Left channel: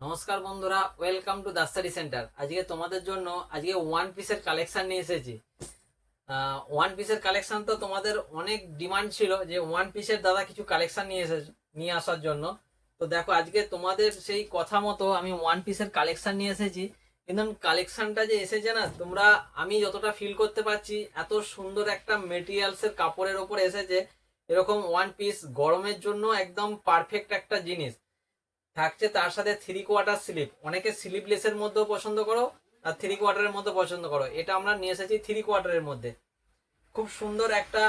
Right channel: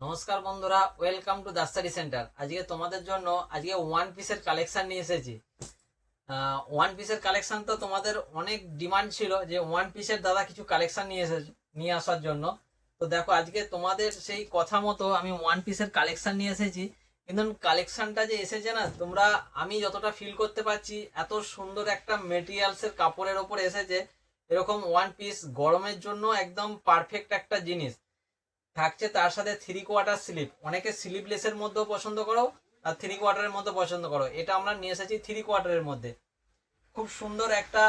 নমস্কার বন্ধুরা, welcome to the study centre. আজকে তোমাদের জন্য ওয়ান পিসের কালেকশন নিয়ে এসেছি। ওয়ান পিসের কালেকশন তো তোমাদের অনেক ডিমান্ড ছিল যে ওয়ান পিসের দাদা কিছু কালেকশন নিয়ে আসার জন্য। তো দেখো, আজকে তোমাদের সেই কথা মতো আমি ওয়ান পিসের কালেকশন নিয়ে এসেছি। কিন্তু কালেকশনটা যে এসেছে না, তোমরা আমি যতটা ফিল করতে পারছি, এত সুন্দর একটা মেটেরিয়ালসের কাপড়ের ওপর এসেছে। এরকম ওয়ান পিস গরমের জন্য একদম পারফেক্ট একটা জিনিস থাকছে। তার সাথে থ্রি কোয়ার্টার স্লিপ, অনেকে স্লিপলেসের মধ্যেও পছন্দ করো আর থ্রি কোয়ার্টারের মধ্যে পছন্দ করো। এটা আমরা নিয়ে এসেছি থ্রি কোয়ার্টারের মধ্যে। খুব সুন্দর একটা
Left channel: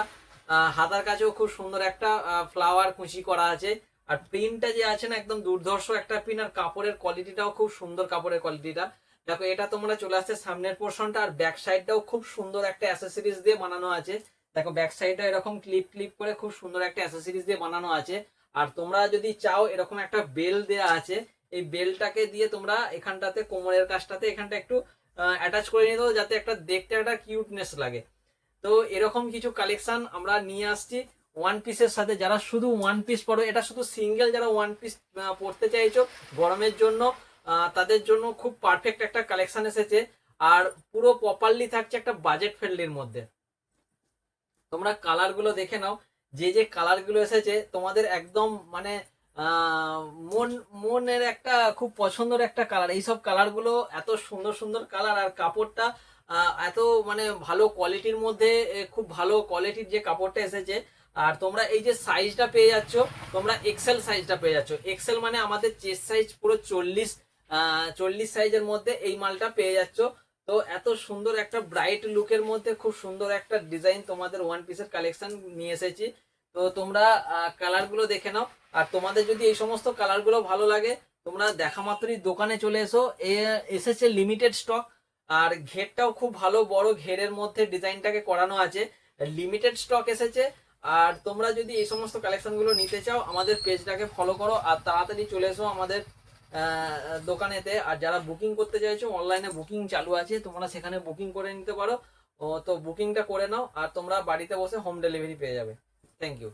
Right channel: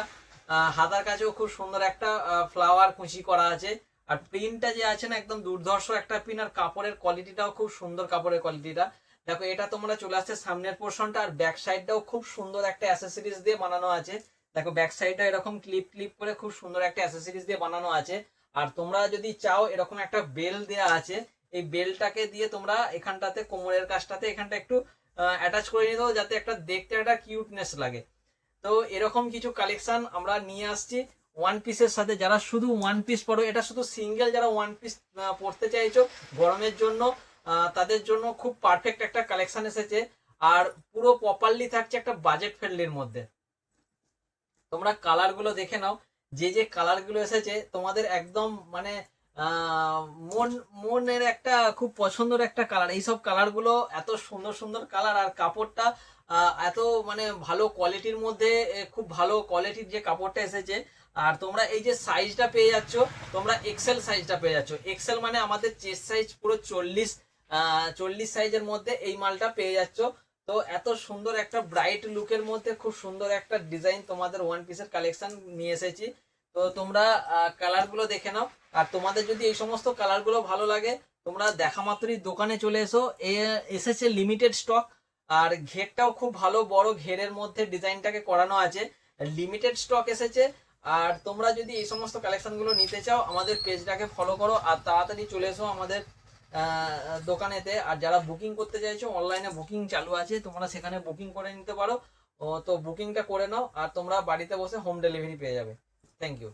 হাতার কাছেও খুব সুন্দর একটা ফ্লাওয়ার কুচি করা আছে। আর প্রিন্টটা যে আছে না, একদম দুর্ধর্ষ একটা প্রিন্ট। আর কাপড়ের কোয়ালিটিটাও খুব সুন্দর, কাপড়ের কোয়ালিটিটা দেখো। এটা তোমরা চলে আসছে সামনের পোর্শনটা, আর ব্যাক সাইডটাও খুব সুন্দর একটা অ্যাসেসরিজ দিয়ে বানানো আছে। দেখো ব্যাক সাইডটা এরকম ক্লিপ ক্লিপ করে খুব সুন্দর একটা অ্যাসেসরিজ দিয়ে বানানো আছে। আর তোমরা যদি চাও, এরকম একটা বেল দেয়া আছে। এই বেলটাকে দিয়ে তোমরা এখানটাতে কোমরের কাছটাতে এখানটা একটু অ্যাটাচ করে নিতে হবে, যাতে একটা দেখতে একটা কিউটনেস লাগে। তো এরকম কিছু কালেকশন আমরা নিয়ে আসছি ওয়ান পিসের সাথে। যারা শুধু ওয়ান পিস পরো, এটা শুধু সিঙ্গেল, যারা ওয়ান পিস পরতে চাইছো গরমের জন্য, তাদের জন্য খুব পারফেক্ট একটা কালেকশন এসেছে। আর পুরো প্রপারলি থাকছে একটা বাজেট ফ্রেন্ডলির মধ্যে। তোমরা কালার গুলো দেখে নাও, যে যে কালার গুলো এসেছে তোমাদের একদম মানে আহ মন মনের একটা খুব পছন্দের একটা কালার। এইসব কালার গুলো এত সুন্দর সুন্দর কালার, আর কাপড়টা এত মানে ভালো কোয়ালিটির মধ্যে, খুব ভালো কোয়ালিটির যে কাপড়টা এসেছে। আর তোমরা এই যে সাইজটা পেয়ে যাচ্ছ, তোমরা এক্সেল সাইজটা পেয়ে যাচ্ছ। এক্সেল মানে আমাদের চেস্ট সাইজ পুরো 40 সাইজের মধ্যে এই মালটা পেয়ে যাচ্ছ। তো এত সুন্দর একটা ব্রাইট লুকের মধ্যে খুব সুন্দর একটা ডিজাইন তোমাদের ওয়ান পিসের কালেকশন নিয়ে এসেছি। তো তোমরা কালার গুলো দেখে নাও। আর তোমাদের যদি এই সমস্ত কালার গুলো ভালো লাগে, তোমরা দেখা মাত্রই দোকানে চলে এসো। এসেছে লিমিটেড স্টক। আর ঘেরটাও খুব ভালো বড় ঘেরের মধ্যে ডিজাইনটাকে করানো আছে। লিমিটেড স্টক এসেছে। আর তোমরা যদি এই সমস্ত কালেকশন গুলো নিতে চাও, আমাদের পেজটাকে ফলো করো আর তাড়াতাড়ি চলে এসো আমাদের দোকানেতে। আর যারা বুকিং করতে চাইছো, অনলাইনে বুকিং চালু আছে, তোমরা সেখানে বুকিং করে নিতে পারো। তো বুকিংটা করে নাও, আর তোমরা বাড়িতে বসে হোম ডেলিভারি পেয়ে যাবে। Thank you.